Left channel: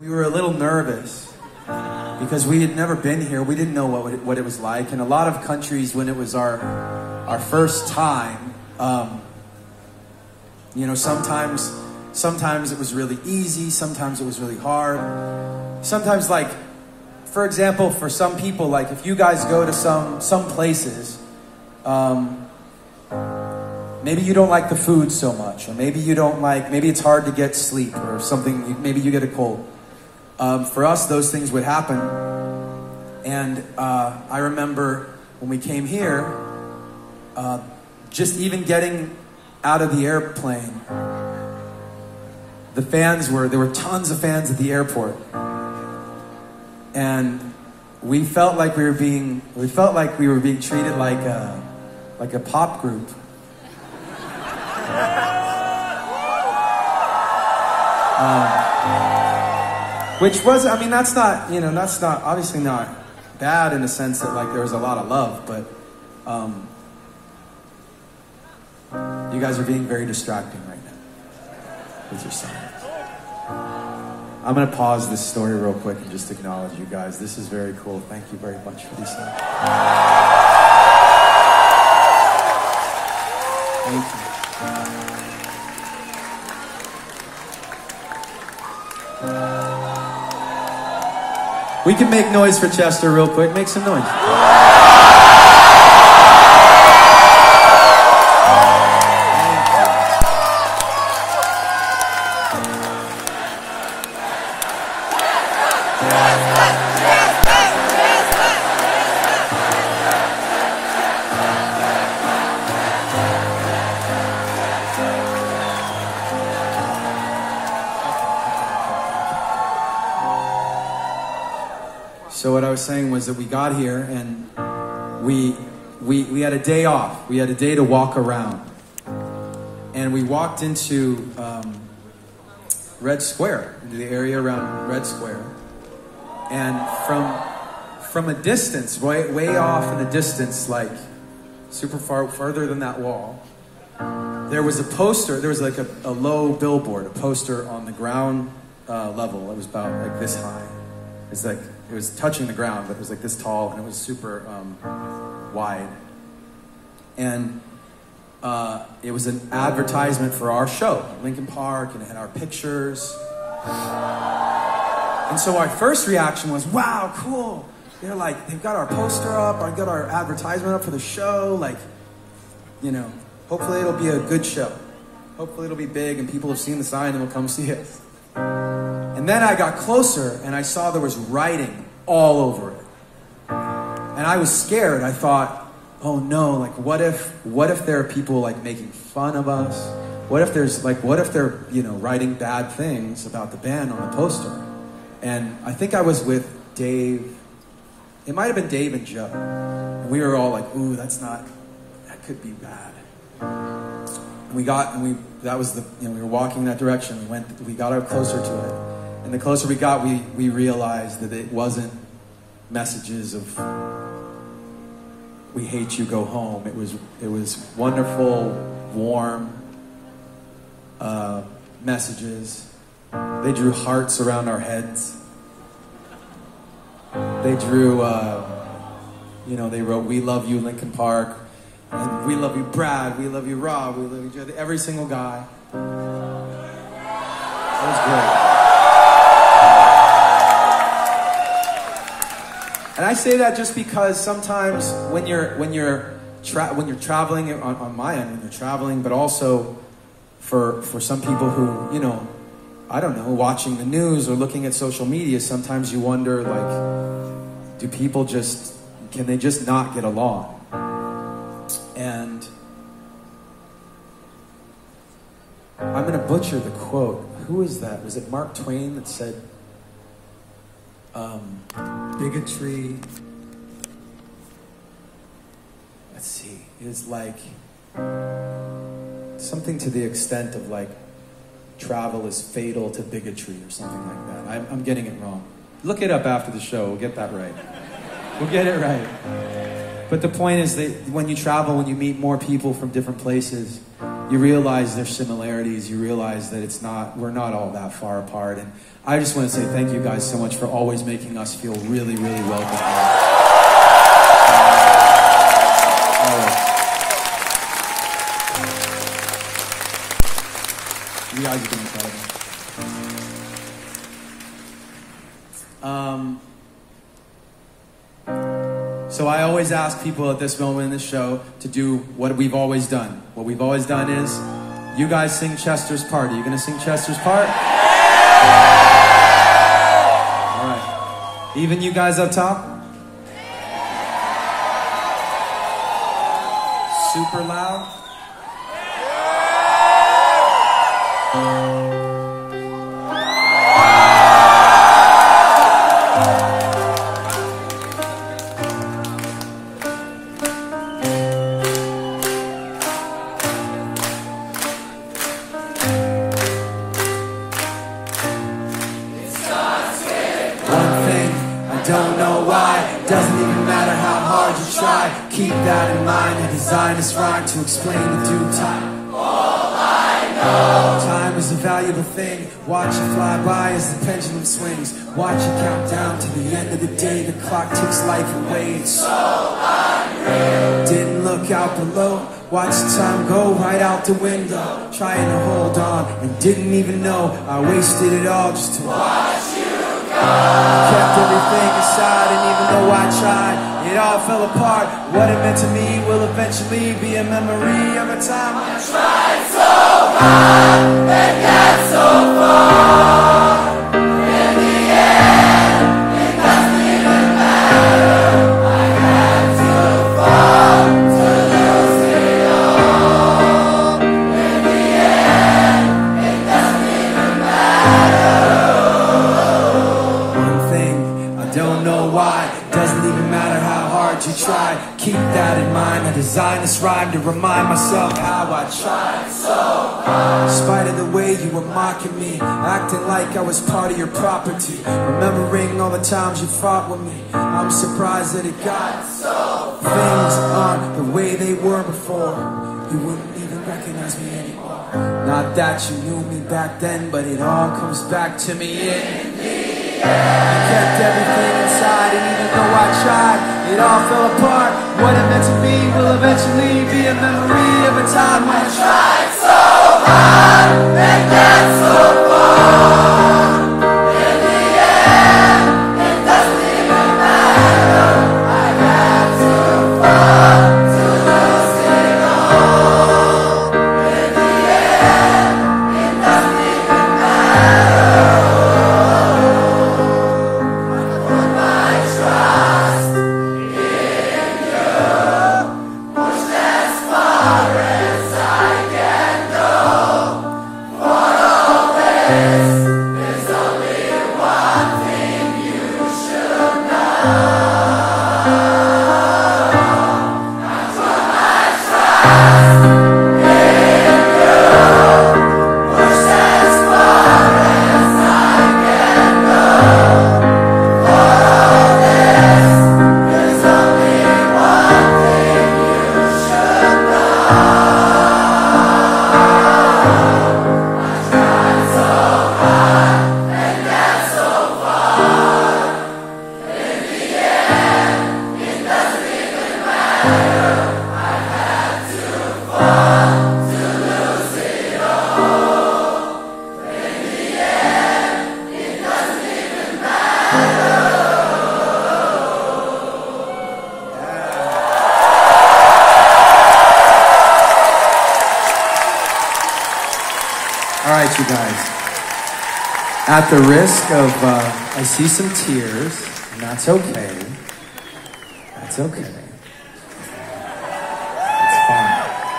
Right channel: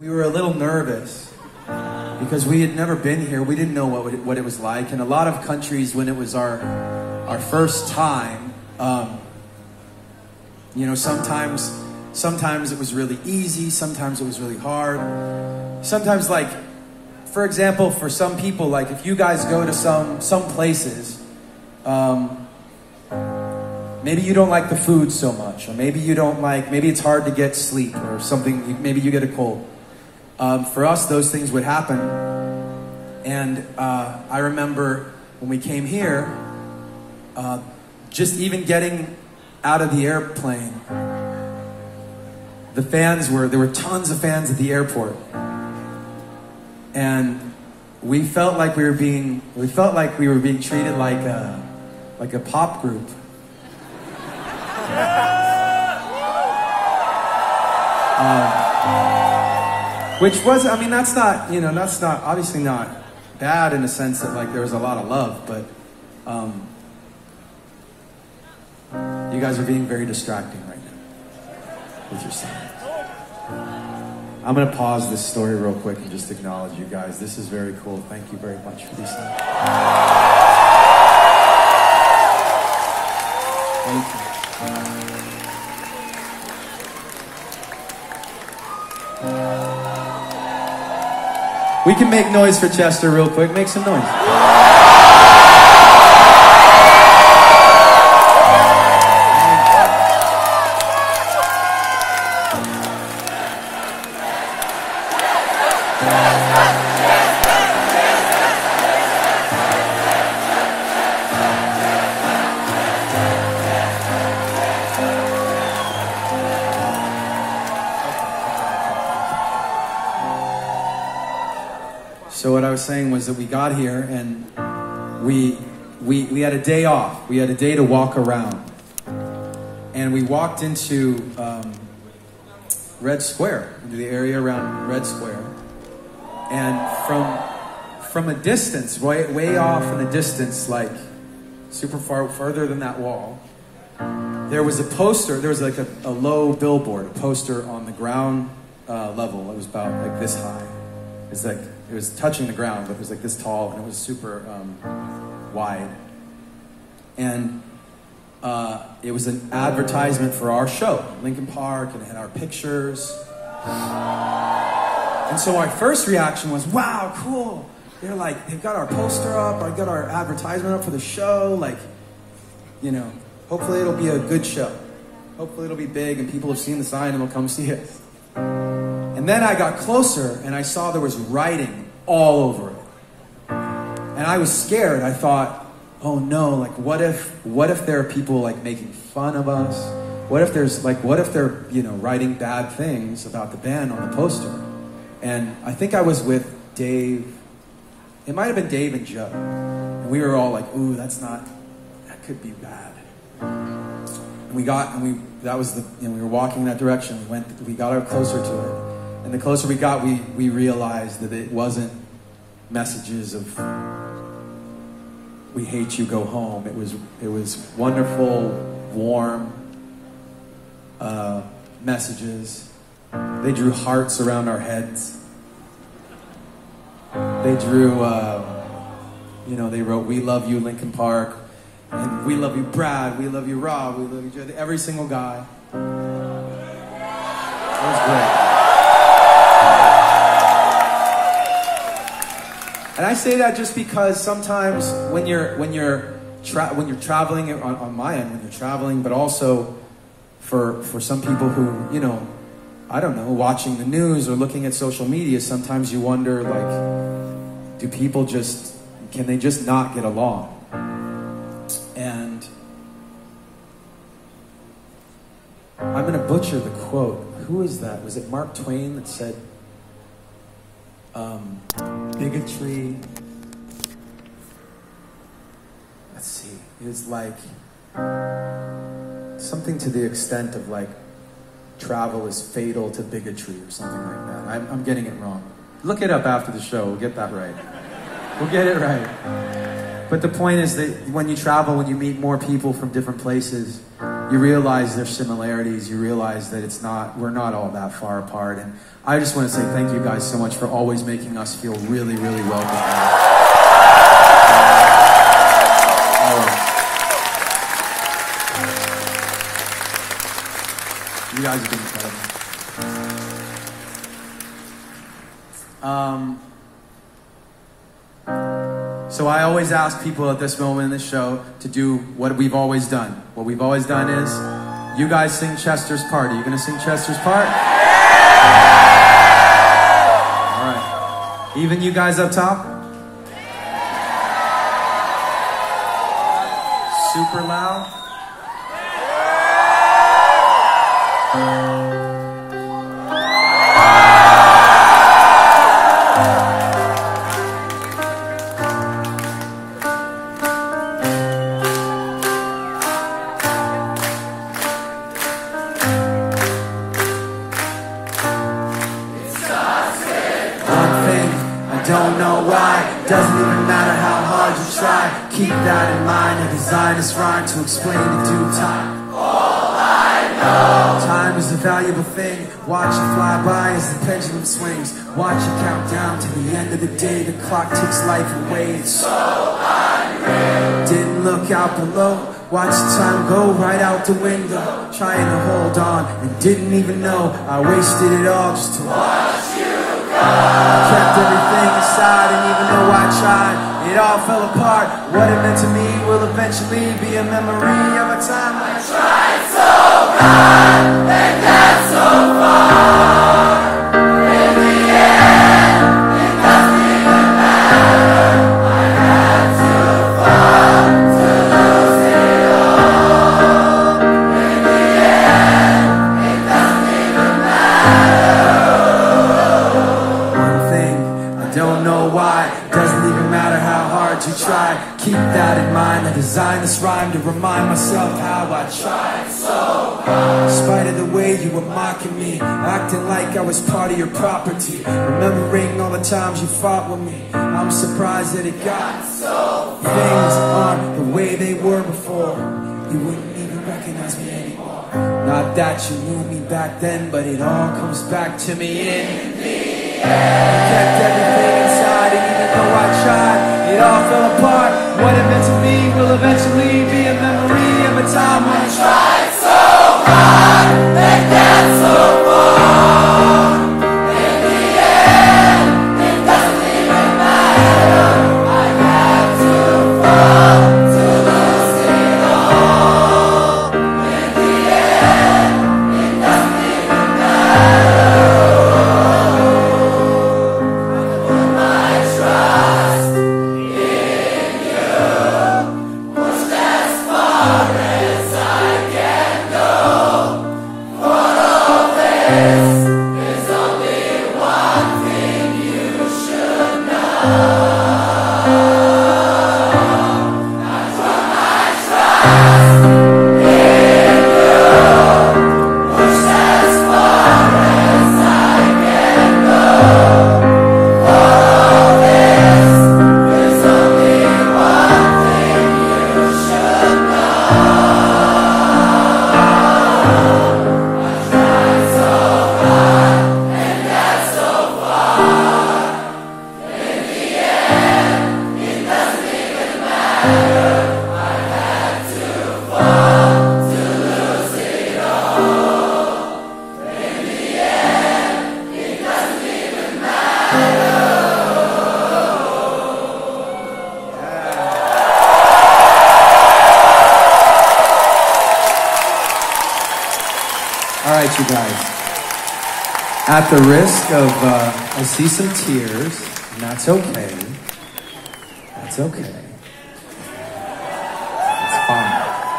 We were a little nervous because we had never been here. We didn't know what it was like. In a lot of countries, when it was our first time, sometimes it was really easy. Sometimes it was really hard. Sometimes, like, for example, for some people, like if you guys go to some places, maybe you don't like the food so much, or maybe it's hard to get sleep or something. Maybe you get a cold. For us, those things would happen. And I remember when we came here, just even getting out of the airplane, there were tons of fans at the airport. And we felt like we were being treated like a pop group. Which was, I mean, that's not obviously not bad in the sense that like there was a lot of love, but you guys are being very distracting right now with your son. I'm going to pause this story real quick and just acknowledge you guys. This is very cool. Thank you very much for these things. Thank you. We can make noise for Chester real quick. Make some noise. So what I was saying was that we got here and we had a day off. We had a day to walk around. And we walked into Red Square, into the area around Red Square. And from a distance, way off in the distance, like super further than that wall, there was a poster. There was like a low billboard, a poster on the ground level. It was about like this high. It was touching the ground, but it was like this tall, and it was super wide. And it was an advertisement for our show, Lincoln Park, and it had our pictures. And so my first reaction was, wow, cool. They've got our poster up, I got our advertisement up for the show, hopefully it'll be a good show. Hopefully it'll be big, and people have seen the sign and will come see it. And then I got closer and I saw there was writing all over it. And I was scared. I thought, oh no, like what if there are people like making fun of us? What if they're, writing bad things about the band on the poster? And I think I was with Dave. It might have been Dave and Joe. And we were all like, ooh, that could be bad. And we were walking in that direction. We got closer to it. And the closer we got, we realized that it wasn't messages of "we hate you, go home." It was wonderful, warm messages. They drew hearts around our heads. They drew, they wrote "We love you, Lincoln Park," and "We love you, Brad," "We love you, Rob," "We love you, Joe." Every single guy. It was great. And I say that just because sometimes when you're traveling on my end, when you're traveling, but also for some people who, I don't know, watching the news or looking at social media, sometimes you wonder, like, can they just not get along? And I'm going to butcher the quote. Who is that? Was it Mark Twain that said, bigotry, let's see, is like something to the extent of like travel is fatal to bigotry or something like that. I'm getting it wrong. Look it up after the show. We'll get that right. We'll get it right. But the point is that when you travel, when you meet more people from different places, you realize there's similarities. You realize that we're not all that far apart. And I just want to say thank you guys so much for always making us feel really, really welcome. You guys have been incredible. So I always ask people at this moment in the show to do what we've always done. What we've always done is, you guys sing Chester's part. Are you going to sing Chester's part? All right. Even you guys up top? Super loud? Don't know why, doesn't even matter how hard you try. Keep that in mind, I designed this rhyme to explain the due time. All I know, time is a valuable thing. Watch it fly by as the pendulum swings. Watch it count down to the end of the day. The clock takes life away, it's so unreal. Didn't look out below, watch the time go right out the window. Trying to hold on and didn't even know I wasted it all just to watch you go. Kept everything inside, and even though I tried, it all fell apart. What it meant to me will eventually be a memory of a time I tried so hard and got so far. In the end, it doesn't even matter. I had to fall to lose it all. In the end, it doesn't even matter. Don't know why, doesn't even matter how hard you try. Keep that in mind, I designed this rhyme to remind myself how I tried so hard. In spite of the way you were mocking me, acting like I was part of your property, remembering all the times you fought with me, I'm surprised that it got so far. Things aren't the way they were before. You wouldn't even recognize me anymore. Not that you knew me back then, but it all comes back to me in the end. I kept everything inside, and even though I tried, it all fell apart. What it meant to be will eventually be a memory of a time when I tried so hard and got so far. In the end, it doesn't even matter. I had to fall to lose it all. In the end, it doesn't even matter. Alright, you guys. At the risk of, I see some tears, and that's okay. That's okay. It's fine.